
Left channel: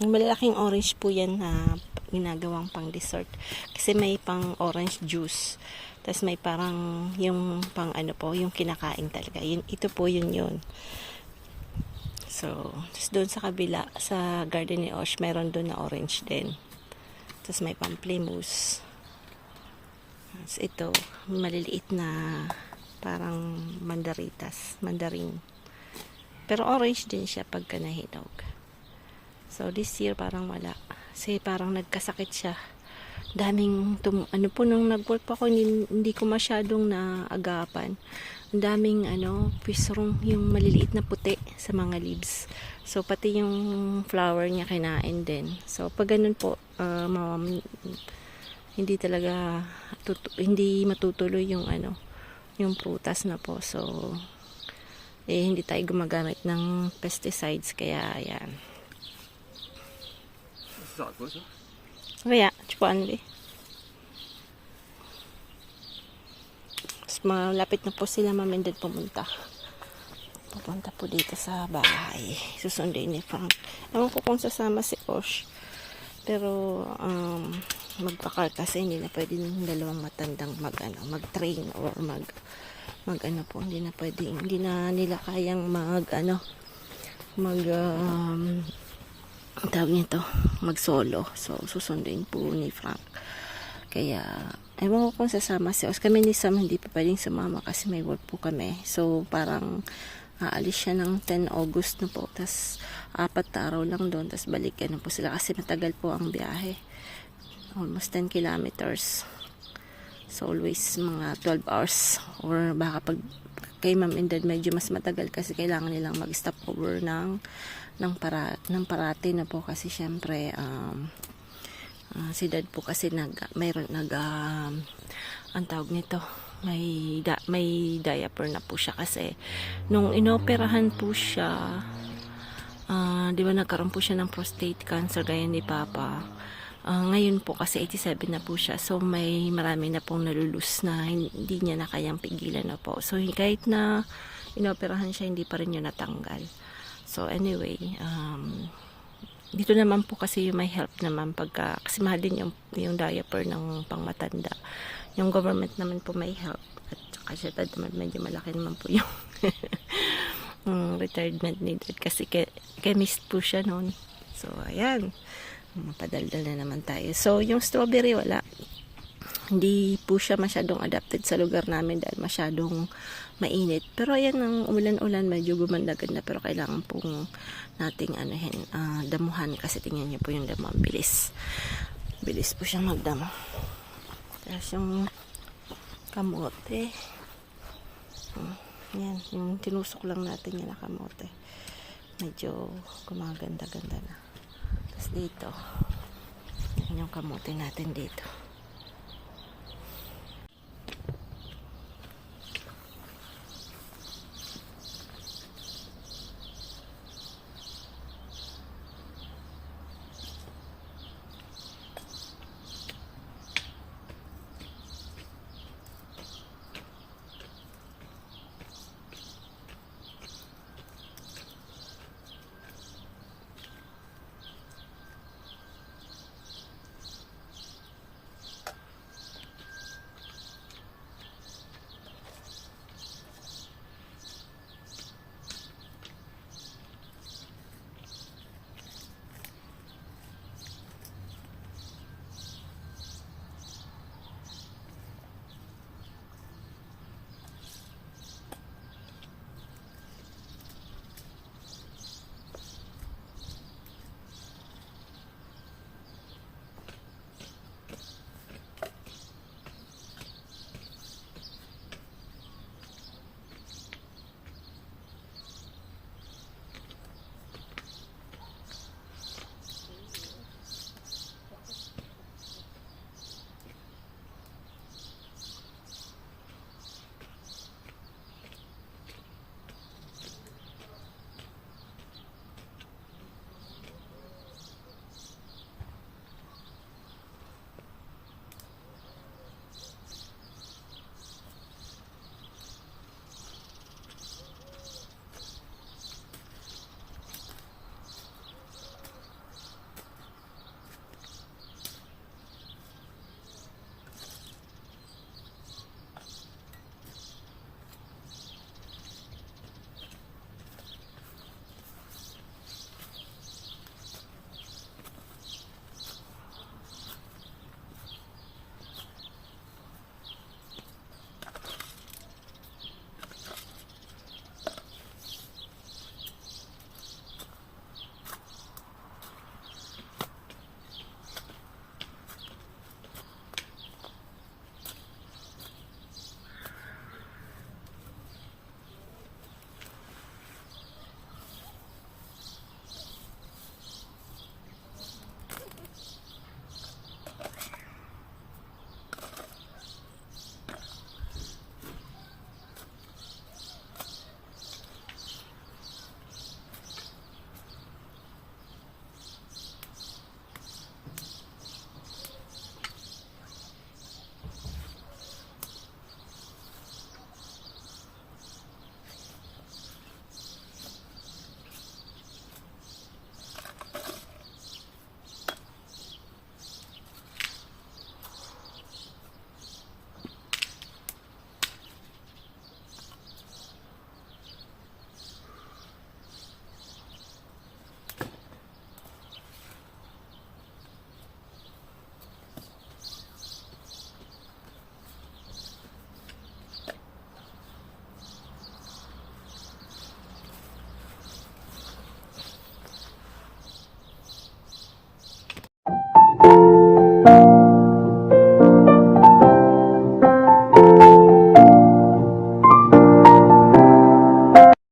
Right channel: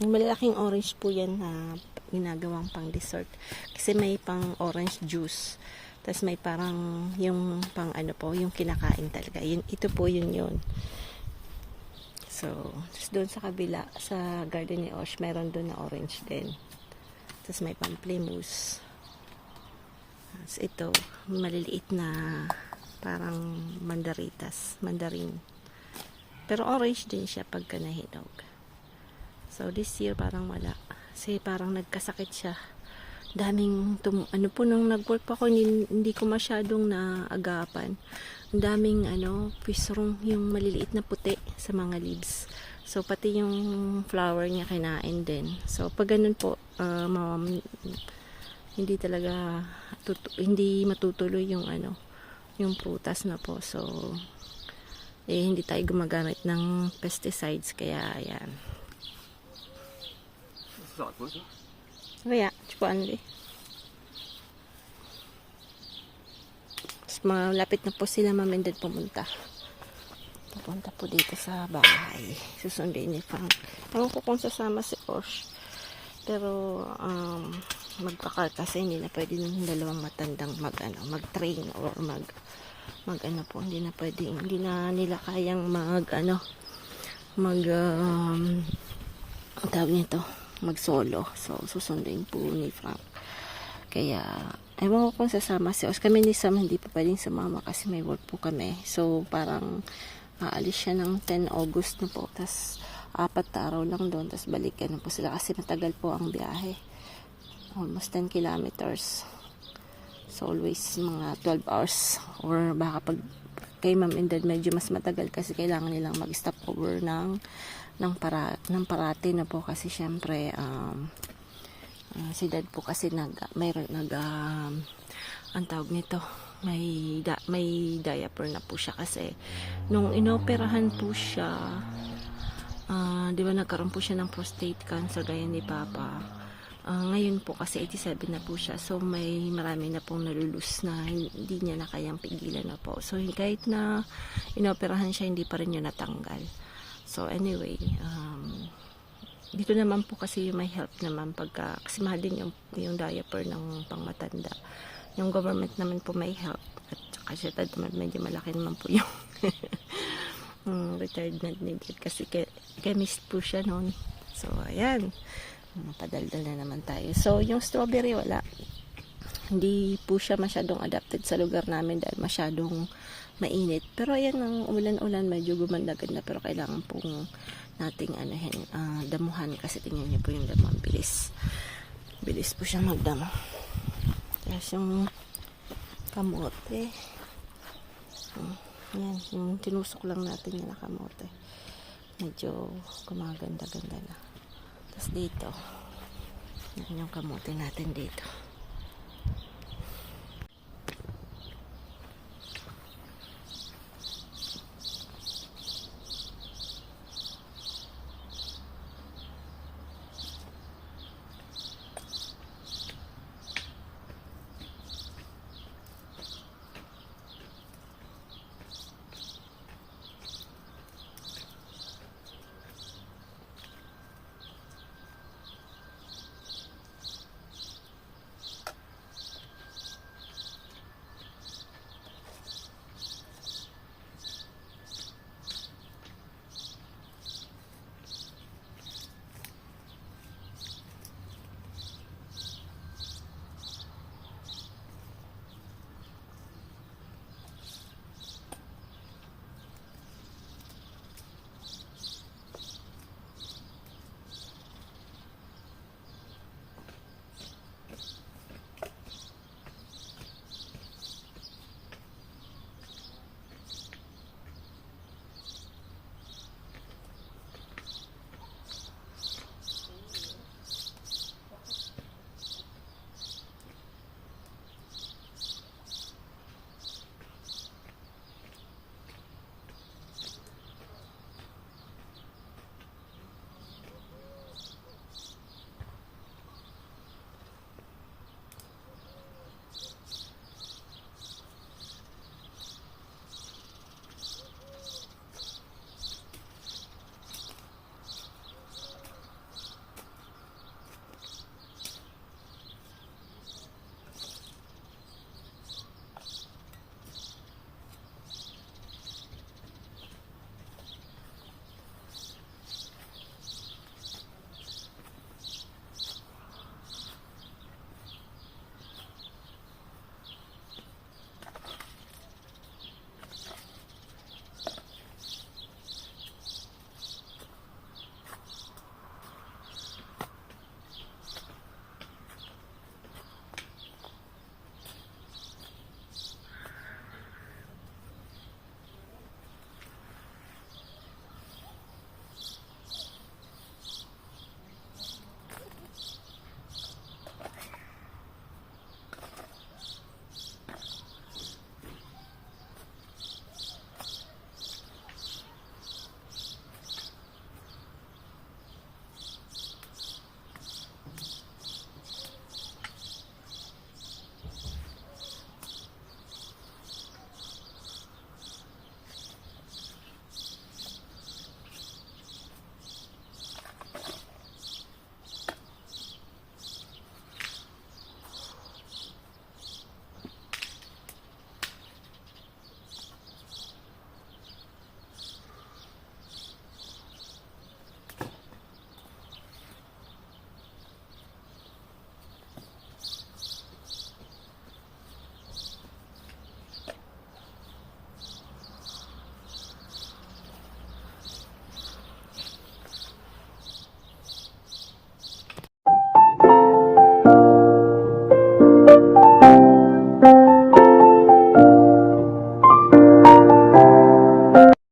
Yung malalaking orange po yan na ginagawang pang dessert. Kasi may pang orange juice. Tapos may parang yung pang ano po, yung kinakain talaga. Ito po yun. So, doon sa kabila, sa garden ni Osh, mayroon doon na orange din. Tapos may pamplemousse. Tapos ito, maliliit na parang mandarin. Pero orange din siya pagka nahinog. So, this year parang wala. Kasi parang nagkasakit siya. Daming, ano po, nung nag-work pa ako, hindi ko masyadong naagapan. Ang daming, pisrong, yung maliliit na puti sa mga leaves. So, pati yung flower niya kinain din. So, pag ganun po, hindi talaga, hindi matutuloy yung, yung prutas na po. So, hindi tayo gumagamit ng pesticides, kaya, ayan. Kaya, chupuan li. Malapit na po sila mamindad pupunta po dito sa bahay. Susundin ni Frank. Ewan ko kung sasama si Osh. Pero, magpa-car kasi hindi na pwede ng dalawang matandang mag-train or hindi na pwede, hindi na nila kayang tawag nito, mag-solo. So, susundin po ni Frank. Kaya, ewan ko kung sasama si Os. Kami ni Sam hindi pa pwedeng sumama kasi may work po kami. So, parang aalis siya ng 10 August na po. Tapos, 4 na araw lang doon. Tapos, balikan na po sila kasi matagal po ang biyahe. Almost 10 kilometers. So, always mga 12 hours. Or baka pag kay Ma'am and Dad medyo mas matagal kasi kailangan nilang mag-stop over ng parati na po kasi syempre si Dad po kasi ang tawag nito, may diaper na po siya kasi nung inoperahan po siya, di ba nagkaroon po siya ng prostate cancer gaya ni Papa. Ngayon po kasi 87 na po siya, so may marami na pong nalulus na hindi niya na kayang pigilan na po. So kahit na inoperahan siya, hindi pa rin niya natanggal. So anyway, dito naman po kasi yung may help naman kasi mahal din yung diaper ng pangmatanda. Yung government naman po may help. At kasi medyo malaki naman po yung retirement needed kasi chemist po siya noon. So ayan, mapadaldal na naman tayo. So yung strawberry wala. Hindi po siya masyadong adapted sa lugar namin dahil masyadong mainit. Pero ayan, ang ulan-ulan, medyo gumanda-ganda. Pero kailangan pong nating damuhan kasi tingnan niyo po yung damo. Bilis. Bilis po siya magdamo. Tapos yung kamote. Yan, yung tinusok lang natin yung kamote. Medyo gumaganda-ganda na. Tapos dito. Yan yung kamote natin dito.